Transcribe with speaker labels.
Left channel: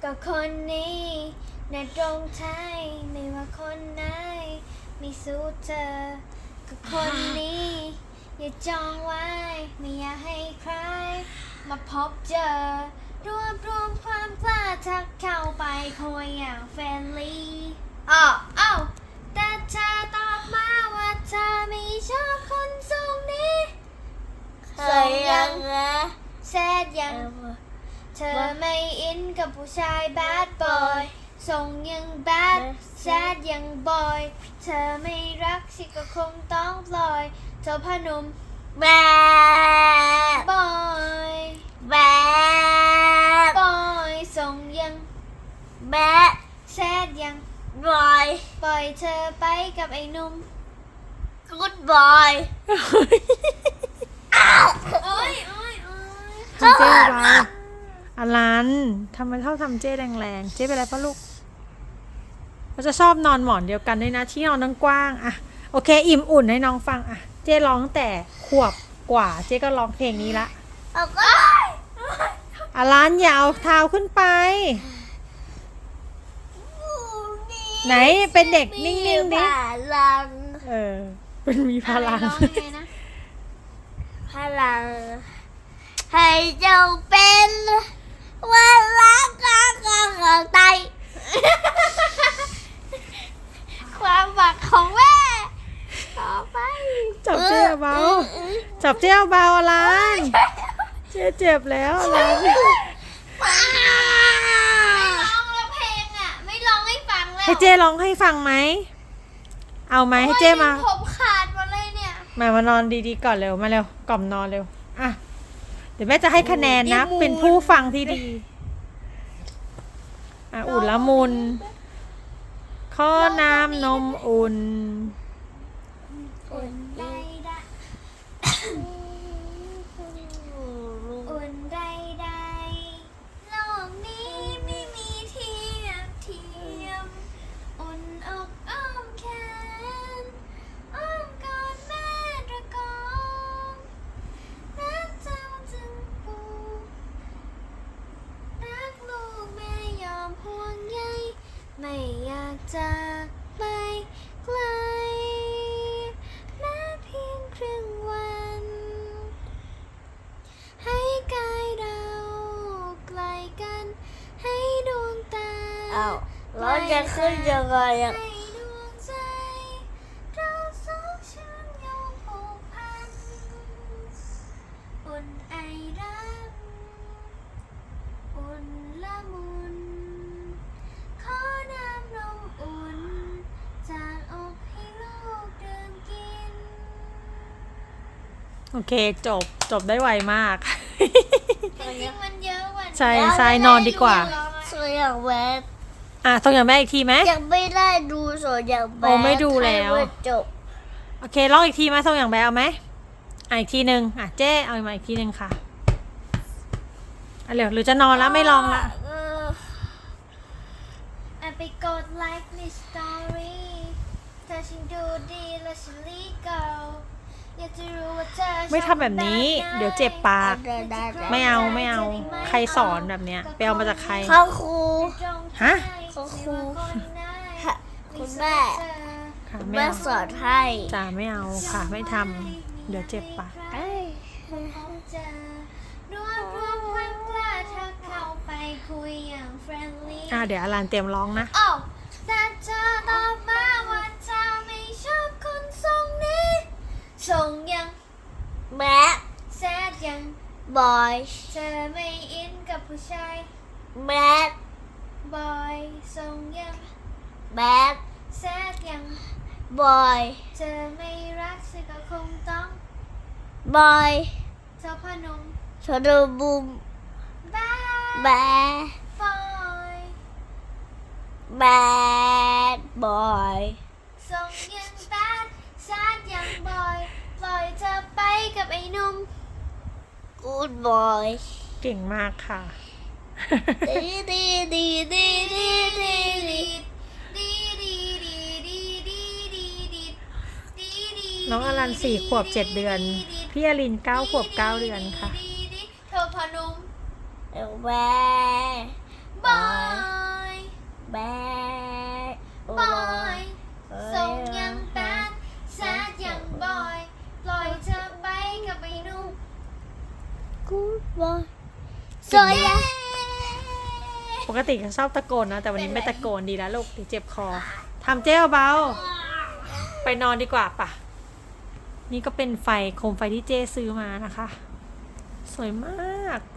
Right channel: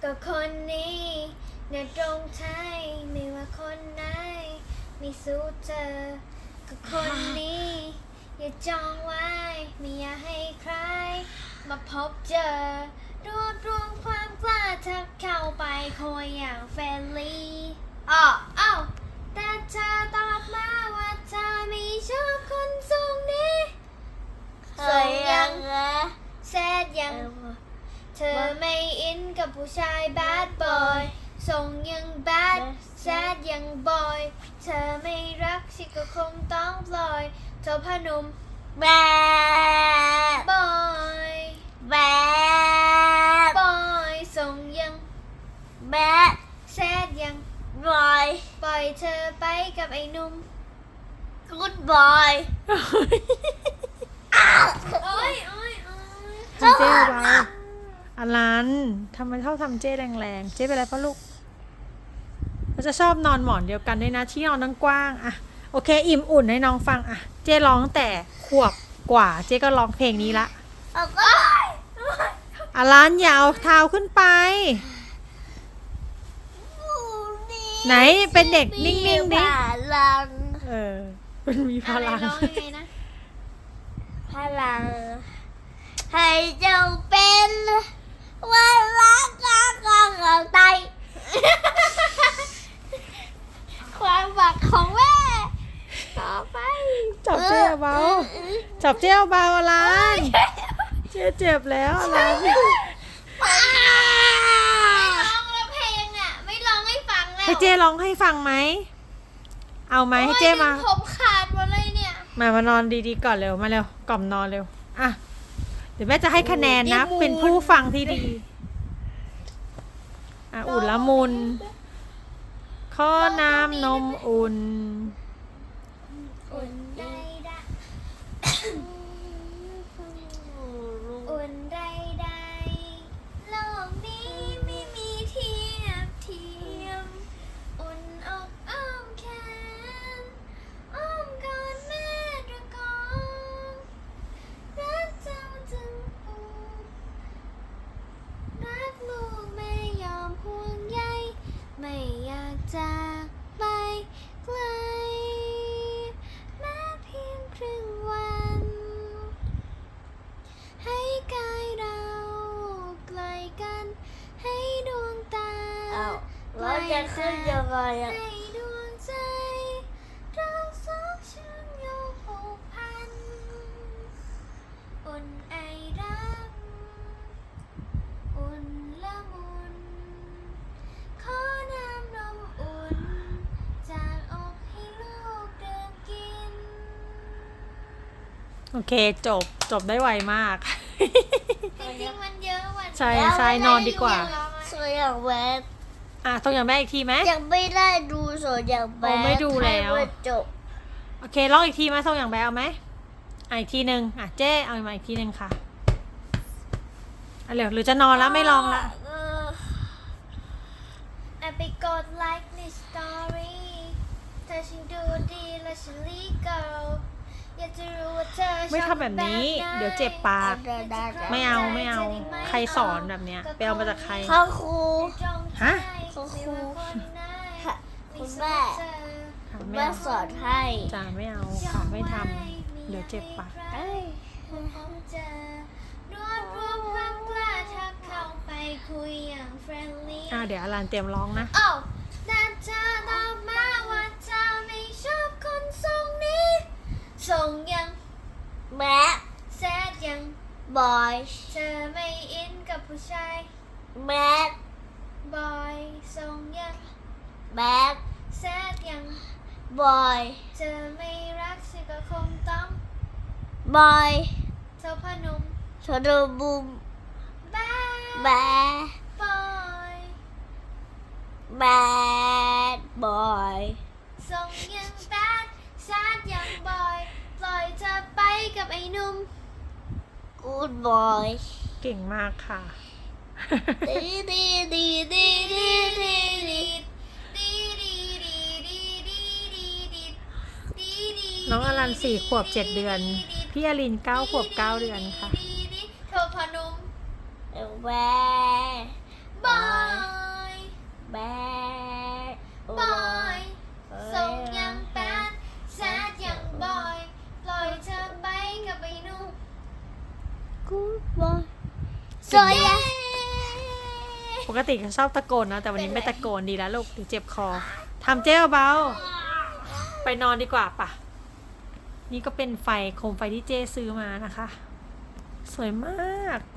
Speaker 1: ก็คนนี้ในตรงไทยไม่ว่าคนไหนไม่สู้เธอก็คนนี้อย่าจองไว้ไม่อยากให้ใครมาพบเจอรวบรวมความกล้าทักเข้าไปคุยอย่างเฟรนลี่อ้าวแต่เธอตอบมาว่าเธอไม่ชอบคนทรงนี้ส่งยังแซดยังเธอไม่อินกับผู้ชายแบดบอยส่งยังแบดแซดยังบอยเธอไม่รักฉันก็คงต้องปล่อยเธอพนม
Speaker 2: แบด
Speaker 1: บอย
Speaker 2: แบด
Speaker 1: บอยส่งยัง
Speaker 2: แบด
Speaker 1: แซดยัง
Speaker 2: บอย
Speaker 1: ปล่อยเธอไปกับไอ้หนุ่ม
Speaker 2: กู๊ดบอย
Speaker 1: โอ้ย
Speaker 3: ทำเจ๊เบาอลันทำไมชอบทำเจ๊แรงๆเจ๊เป็นอะไรปะลูกเขาจะชอบนอนหมอนเดียวกันด้วยนะที่นอนตั้งกว้างอะโอเคอิ่มอุ่นให้น้องฟังอะเจ๊ร้องแต่ขวบกว่าเจ๊ก็ร้องเพลงนี้ละอลันอย่าเอาเท้าขึ้นไปไหนเป็นเด็กนิ่งๆดิ
Speaker 2: พลัง
Speaker 3: เป็นมีพลัง
Speaker 1: ร้องยังไงนะ
Speaker 2: พลังให้เจ้าเป็นวันรักของไตความหวังของแม่ต่อไป
Speaker 3: จับเจ๊เบาจับเจ๊เบาอลันเจ๊เจ็บแล้วอลัน
Speaker 1: ร้องแล้วเพลงอ่ะไม่ร้องให้ฟังแล้ว
Speaker 3: ให้เจ๊ร้องให้ฟังไหมเอาไหมให้เจ๊มา
Speaker 1: ผมขาดหมดเลยเนี่ย
Speaker 3: มานอนดีๆก่อนเร็วมาเร็วกล่อมนอนเร็วอ่ะเดี๋ยวแม่จะให้คะแนนนะเป็นผู้ฟังที่ดีอ่ะอุ่นละมุนข้อน้ำนมอุ่น
Speaker 1: อุ่นได้อุ่นได้โลกนี้ไม่มีเทียบอุ่นอกอ้อมแขนอ้อมกอดแม่ตะกอนรักเจ้าจึงปูรักลูกแม่ยอมห่วงใยไม่อยากจากไปไกลแม้เพียงครึ่งวันให้กายเราไกลกันให้ดวงตา
Speaker 2: เราจะขึ้นยังไงอ่ะ
Speaker 1: ให้ดวงใจเราสองฉันโยงผูกพันอุ่นไอรักอุ่นละมุนขอน้ำนมอุ่นจากอกให้ลูกดื่มกิน
Speaker 3: โอเคจบได้ไวมาก
Speaker 1: จริงๆมันเยอะกว่านี้
Speaker 3: ใช่นอนดีกว่า
Speaker 2: สวยอย่างแบด
Speaker 3: อ่ะต้องอย่างแม่อีกทีไหม
Speaker 2: ยังไม่ได้ดูสวยอย่างแบด
Speaker 3: โอ้ไม่ดูแล้ว
Speaker 2: ให้มันจบ
Speaker 3: โอเคร้องอีกทีไหมส่งอย่างแบเอาไหมอีกทีหนึ่งเจ๊เอามาอีกทีหนึ่งค่ะเร็วหรือจะนอนแล้วไม่ลองละ
Speaker 1: ไปกดไลค์ในสตอรี่เธอฉันดูดีแล้วฉันรีบเกิลอยากจะรู้ว่าเธอชอบ
Speaker 3: ไม่ทำแบบนี้เดี๋ยวเจ็บปาก ไม่เอาใครสอนแบบเนี้ยไปเอามาจากใคร
Speaker 2: ข้าครู
Speaker 3: ฮะ
Speaker 2: คุณแม่
Speaker 3: ค่ะ
Speaker 2: คุณ
Speaker 3: ไม่
Speaker 2: แม่
Speaker 3: เอา
Speaker 2: สอนให้
Speaker 3: จ่าไม่เอาค่ะไม่ทำเดี๋ยวเจ็บปาก
Speaker 2: เอ้ย
Speaker 1: รวบรวมความกล้าเธอเข้าไปคุยอย่างเฟรนลี่
Speaker 3: เดี๋ยวอลันเตรียมร้องนะ
Speaker 1: โอ้แต่เธอตอบมาว่าเธอไม่ชอบคนทรงนี้ส่งยัง
Speaker 2: แม่
Speaker 1: แซดยัง
Speaker 2: บอย
Speaker 1: เธอไม่อินกับผู้ชาย
Speaker 2: แม่
Speaker 1: บอยส่งยัง
Speaker 2: แม่
Speaker 1: แซดยัง
Speaker 2: บอย
Speaker 1: เธอไม่รักฉันก็คงต้อง
Speaker 2: บอย
Speaker 1: เธอพนม
Speaker 2: ชอดูบุม
Speaker 1: บ้า
Speaker 2: แบด
Speaker 1: บอย
Speaker 2: แบดบอย
Speaker 1: ส่งยังแบดแซดยังบอยปล่อยเธอไปกับไอ้หนุ่ม
Speaker 2: กูดบอย
Speaker 3: เก่งมากค่ะ
Speaker 2: ดีดีดีดีดีดีดี
Speaker 3: น้องอลัน4 ขวบ 7 เดือน พี่อลิน9 ขวบ 9 เดือนค่ะ
Speaker 1: เธอพนม
Speaker 2: แบด
Speaker 1: บอย
Speaker 2: กูบอยสวยอะ
Speaker 3: ปกติเขาชอบตะโกนนะแต่วันนี้ไม่ตะโกนดีแล้วลูกเดี๋ยวเจ็บคอทำเจ้เบาๆไปนอนดีกว่าป่ะ นี่ก็เป็นไฟโคมไฟที่เจ้ซื้อมานะคะ สวยมาก